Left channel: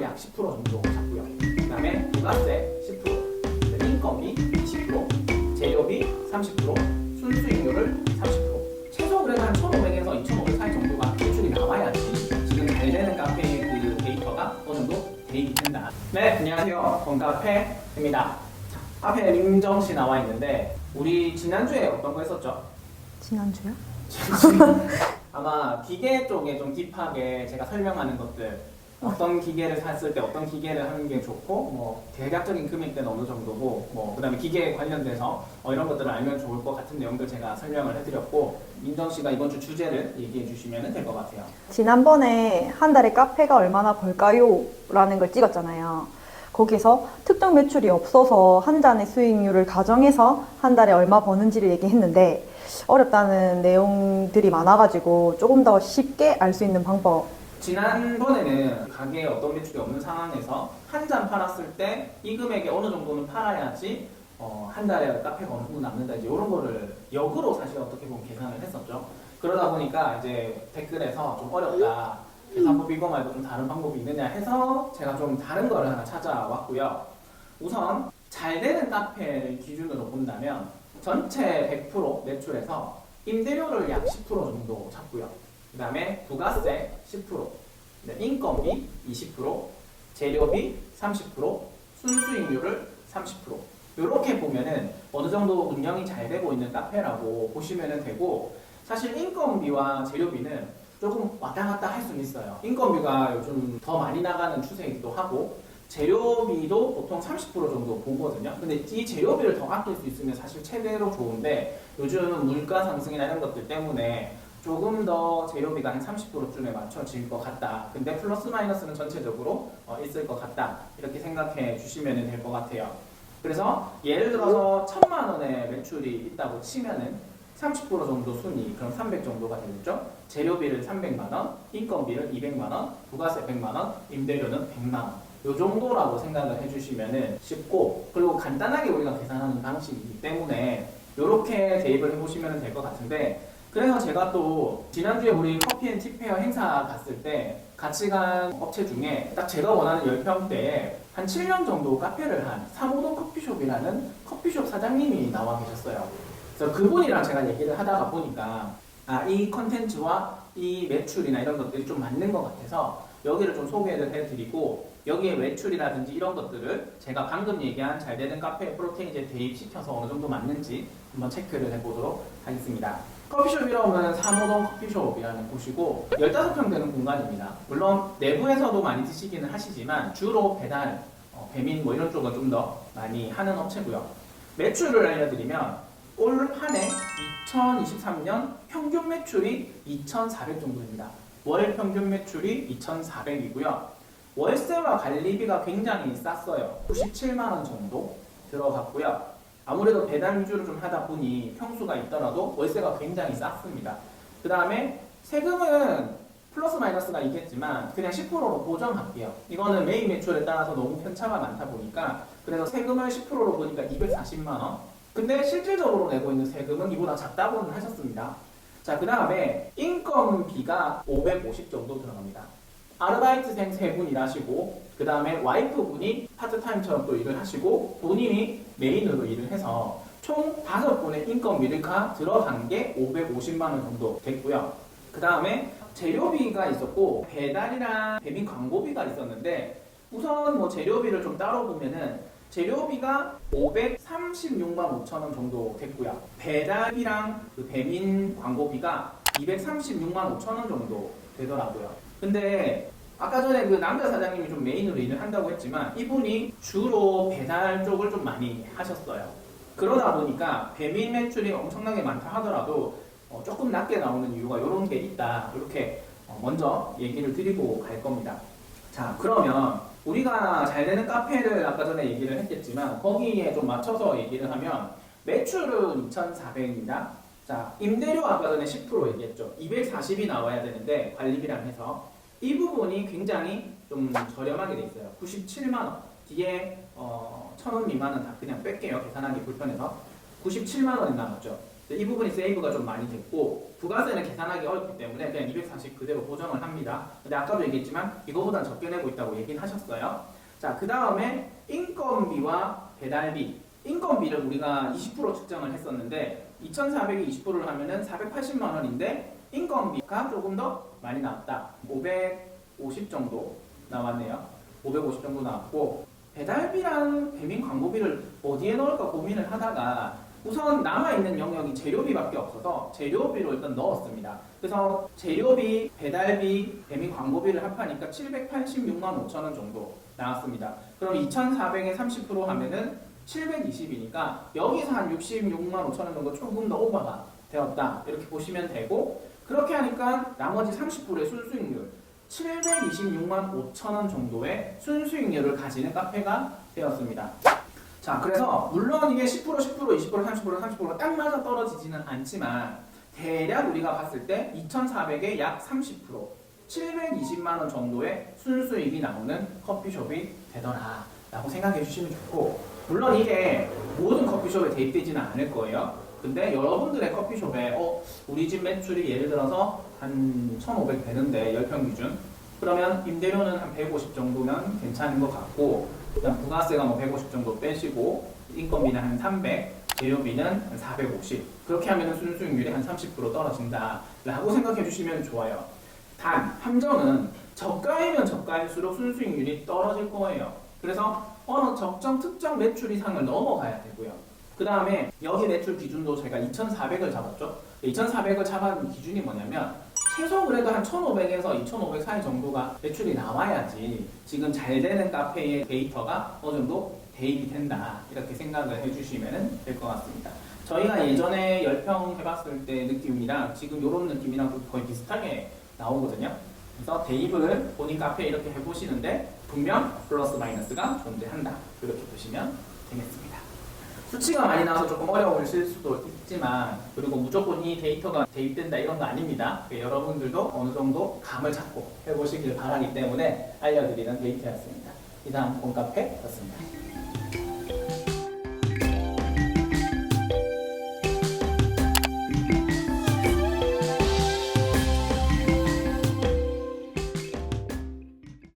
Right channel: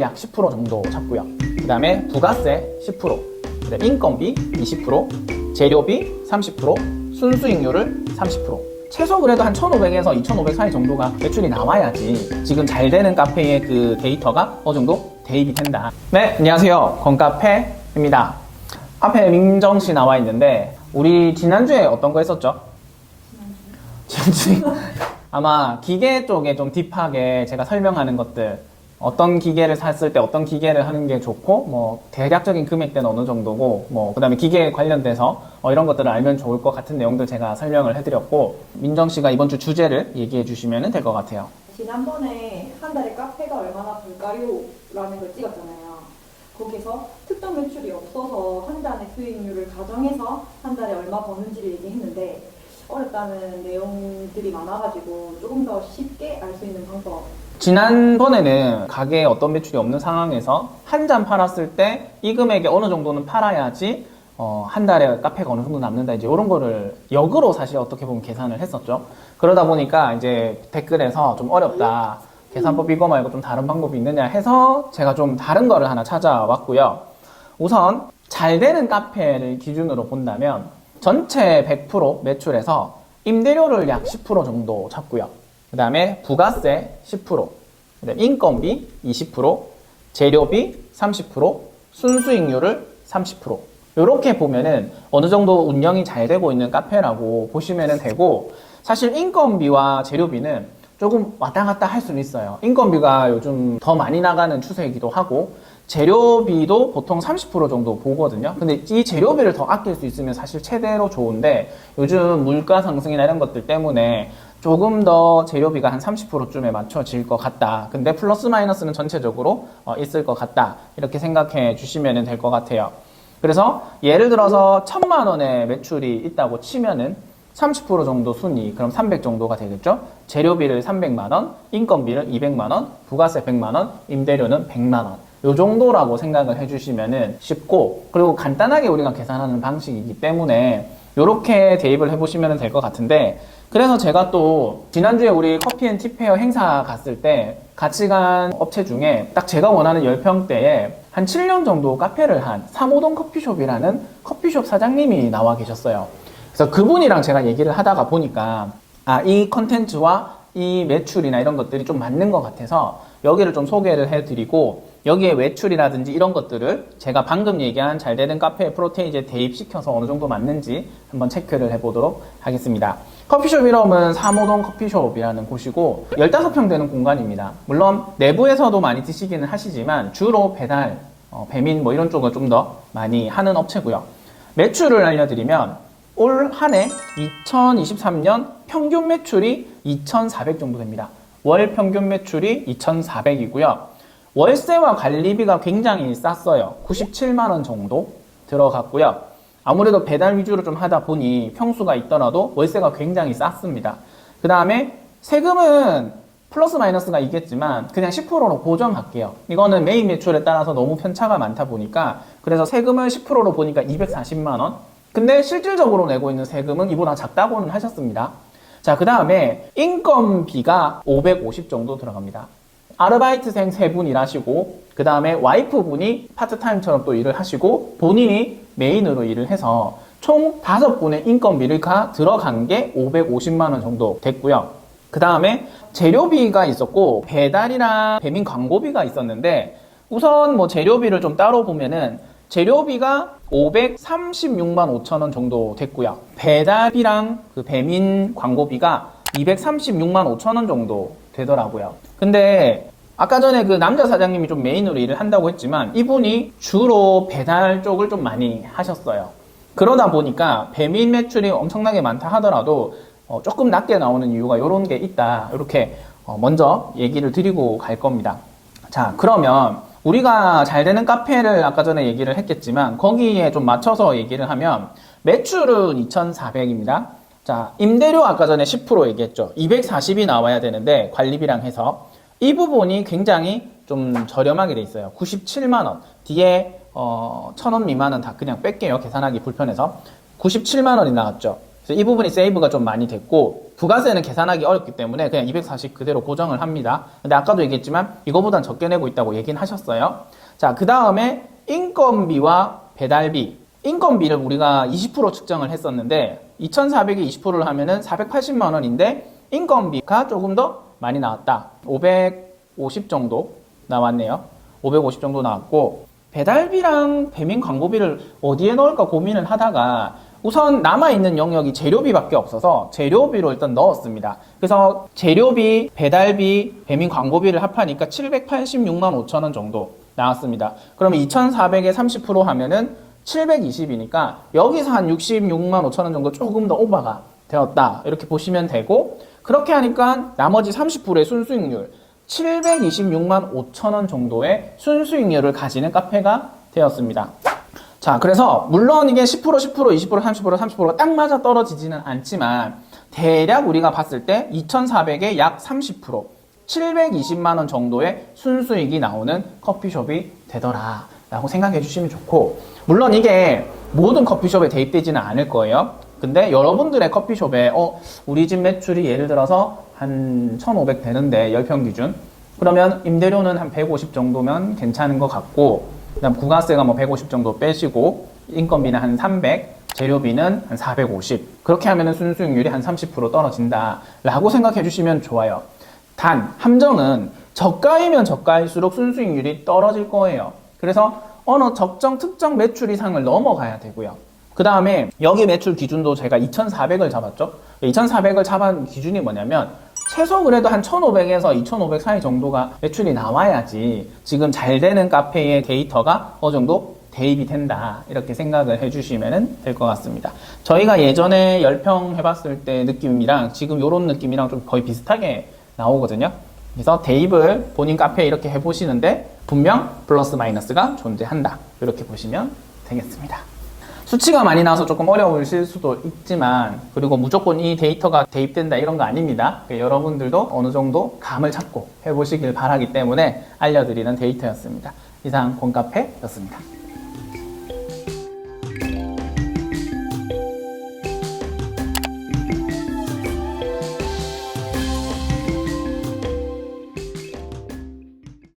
약 10% 정도 잡고요. 그 다음에 부가세 10%, 그다음에 인건비 20%, 재료비 30%, 순수익률을 30%. 최소 그래도 한 1,500에서 2,500 사이 정도가 매출이 나와야지 지금 잘 되는 카페의 그 데이터가 어느 정도 대입이 된다. 네, 안녕하세요. 건카페입니다. 앞에 민정씨 나와 있는데 우리 지난주에 어떤 거 했었죠? 지난주요? 아마 기계 쪽에 좀 딥하게 제가 설명하는 것들, 어떤 기계를 샀을 때 어떤 기계를 하는 게 좋고 뭐 대략적인 금액대는 어느 정도고 뭐 그다음에 기계에 관련돼서 이런 것들을 알면 좋을 것 같은 내용들 제가 설명을 해드렸고, 민정 씨가 이번 주 주제를 얘기해 주시면 될 것 같아요. 지난번에 한 달에 카페가 얼마나 벌까요? 라는 걸 찍었잖아요. 거기서 특정 매출이 없어서 한 잔의 수익률을 가정해서 한 달에 얼마 버는지를 얘기했는데 어렵다는 내용들이 많아가지고 조금 더 쉽게 알 수 있는 방법. 지난번에는 가게에 어떤 매출이 없는 상황에서 한 잔 팔았을 때 이 금액에 어느 정도는 팔아야지 한 달에 카페가 어느 정도 남는다, 이제 이런 거를 역으로 사실 어떻게 보면 계산을 했었죠. 그러다 보니까 이제 댓글에서 좀 어렵다, 계산법 이거 말고 좀 다른 방법이 있느냐 해서 제가 좀 다른 거를 하나 찾아왔고요. 우선 잘 되는 카페를 기준으로 본다면 전체 100% 매출에서 임대료를 약 10% 정도 잡고요. 그 다음에 부가세 10%, 그다음에 인건비 20%, 재료비 30%, 순수익률을 30%. 이렇게 보면은 어느 정도 운영이 잘 되고 있는 카페라고 보시면 되고, 사실 인건비와 재료비는 조금 왔다 갔다 할 수는 있어요. 인건비가 요즘 더 많이 나가는 추세이기도 하고 재료비도 보통 30% 정도 보거든요. 근데 이 재료비를 더 아낄 수 있으면 사실 최대로 좋은데 요즘 물가 상승이나 이런 것들 때문에 조금 더 재료비가 한 30%쯤에 맞춰질 것 같다. 근데 플러스 마이너스는 전체적으로 있을 것 같다. 이렇게 생각해 주시면 될 것 같아요. 그래서 예를 들어서 1,000만 원의 매출이 있다고 치면은 30% 정도 순이익, 그럼 300 정도가 되겠죠? 재료비를 300만 원, 인건비를 200만 원, 부가세 100만 원, 임대료는 100만 원. 요 정도라고 생각을 해주시면 쉽고, 그리고 간단하게 우리가 계산하는 방식이기 때문에 이렇게 대입을 해보시면 될 것 같은데, 그래서 제가 또 지난주에 우리 커피앤티페어 행사 갔을 때 같이 간 업체 중에 딱 제가 원하는 10평대에 한 7년 정도 카페를 한 삼호동 커피숍이라는 커피숍 사장님이 나와 계셨어요. 그래서 그분이랑 제가 얘기를 하다가 보니까 이 컨텐츠와 이 매출이나 이런 것들이 좀 맞는 것 같아서 여기를 좀 소개를 해드리고, 여기에 매출이라든지 이런 것들을 제가 방금 얘기한 잘 되는 카페 프로테이지에 대입시켜서 어느 정도 맞는지 한번 체크를 해보도록 하겠습니다. 커피숍 이름은 삼호동 커피숍이라는 곳이고 15평 되는 공간입니다. 물론 내부에서도 많이 드시기는 하시지만 주로 배달, 배민 뭐 이런 쪽을 좀 더 많이 하는 업체고요. 매출을 알려드리면 올 한 해 2023년 평균 매출이 2,400 정도 됩니다. 월 평균 매출이 2,400이고요. 월세와 관리비가 굉장히 쌌어요. 97만 원 정도 들어갔고요. 아무래도 배달 위주로 좀 하다 보니 평수가 있더라도 월세가 굉장히 쌌습니다. 그 다음에 세금은 플러스 마이너스가 있겠지만 그냥 10%로 고정할게요. 이거는 메인 매출에 따라서 너무 편차가 많다 보니까, 그래서 세금을 10%로 보니까 240만 원. 근데 실질적으로 내고 있는 세금은 이보다 작다고는 하셨습니다. 자, 그 다음에 인건비가 550 정도 들어갑니다. 아르바이트생 3분 일하시고, 그 다음에 와이프분이 파트타임처럼 또 일을 하시고, 본인이 메인으로 일을 해서 총 5분의 인건비가 들어간 게 550만 원 정도 됐고요. 그 다음에 재료비가 있었고, 배달이랑 배민 광고비가 있었는데, 우선 뭐 재료비를 좀 따로 보면은 재료비가 536만 5천 원 정도 됐고요. 배달비랑 그 배민 광고비가 236만 5천 원 정도 되더라고요. 근데 아까 전에 그 남자 사장님이 좀 메인으로 일을 한다고 했지만 이분이 주로 배달 쪽을 좀 많이 하셨어요. 그러다 보니까 배민 매출이 엄청나게 많다 하더라도 조금 낮게 나오는 이유가 이런 게 있다. 이렇게 먼저 얘기를 드리고 갈 겁니다. 자, 그러면 우리가 잘 되는 카페를 아까 전에 얘기를 했겠지만 거기에 좀 맞춰서 얘기를 하면 매출은 2,400입니다. 자, 임대료 아까 전에 10% 얘기했죠. 240이 나와야 되는데 관리비랑 해서 이 부분이 굉장히 좀 저렴하게 돼 있어요. 97만 원. 뒤에 1,000원 미만은 다 그냥 뺄게요. 계산하기 불편해서. 97만 원이 나왔죠. 그래서 이 부분이 세이브가 좀 많이 됐고, 부가세는 계산하기 어렵기 때문에 그냥 240 그대로 고정을 합니다. 근데 아까도 얘기했지만 이거보단 적게 내고 있다고 얘기는 하셨어요. 자, 그 다음에 인건비와 배달비. 인건비를 우리가 20% 측정을 했었는데 2,400이 20%를 하면은 480만 원인데 인건비가 조금 더 많이 나왔다. 550 정도 나왔네요. 550 정도 나왔고, 배달비랑 배민 광고비를 어디에 넣을까 고민을 하다가 우선 남아있는 영역이 재료비밖에 없어서 재료비로 일단 넣었습니다. 그래서 재료비, 배달비, 배민 광고비를 합하니까 786만 5천 원 정도 나왔습니다. 그러면 2,400에 30% 하면은 720이니까 여기서 한 66만 5천 원 정도 조금 더 오버가 되었다. 이렇게 보시면 되고, 그렇게 하니까 나머지 30%의 순수익률 726만 5천 원 정도의 순수익률을 가지는 카페가 되었습니다. 자, 그래서 물론 이게 10%, 10%, 20%, 30%, 30%가 딱 맞아 떨어지지는 않지만 대략 우리가 봤을 때 2,400에 약 30%, 720만 원 정도의 순수익이 나오는 커피숍이 되더라 라고 생각해 주시면 좋고, 물론 이게 모든 커피숍에 대입되지는 않을 거예요. 근데 여러분들의 커피숍에 우리 집 매출이 예를 들어서 한 1,500 되는데 10평 기준, 그러면 임대료는 한 150 정도면 괜찮은 것 같고, 그다음 부가세가 뭐 150 정도 빼시고 인건비는 한 300, 재료비는 한 450, 그렇게 하면은 순수익률이 한 30% 떨어진다 라고 생각해 주시면 좋아요. 단 함정은 저가이면 저가일수록 순수익률이 떨어질 거예요. 그래서 어느 특정 매출 이상을 넘어가야 되고요. 그 다음에 여기 매출 기준도 제가 2,400을 잡았죠. 2,400을 잡은 기준이 뭐냐면 최소 그래도 한 1,500에서 2,500 사이 정도가 매출이 나와야지 지금 잘 되는 카페의 데이터가 어느 정도 대입이 된다, 이렇게 생각을 해주시면 될 것 같습니다. 저희가 예전에 10평 해봤을 때 느낌이랑 지금 이런 느낌이랑 좀 거의 비슷하게 나오거든요. 그래서 대입을 본인 카페에 이렇게 해보시는데 분명 플러스 마이너스가 존재한다, 이렇게 보시면 되겠습니다. 수치가 많이 나와서 조금 어려우실 수도 있지만, 그리고 무조건 이 데이터가 대입된다 이런 거 아닙니다. 여러분들도 어느 정도 감을 잡고 해보시길 바라기 때문에 알려드리는 데이터였습니다. 이상 곰카페였습니다.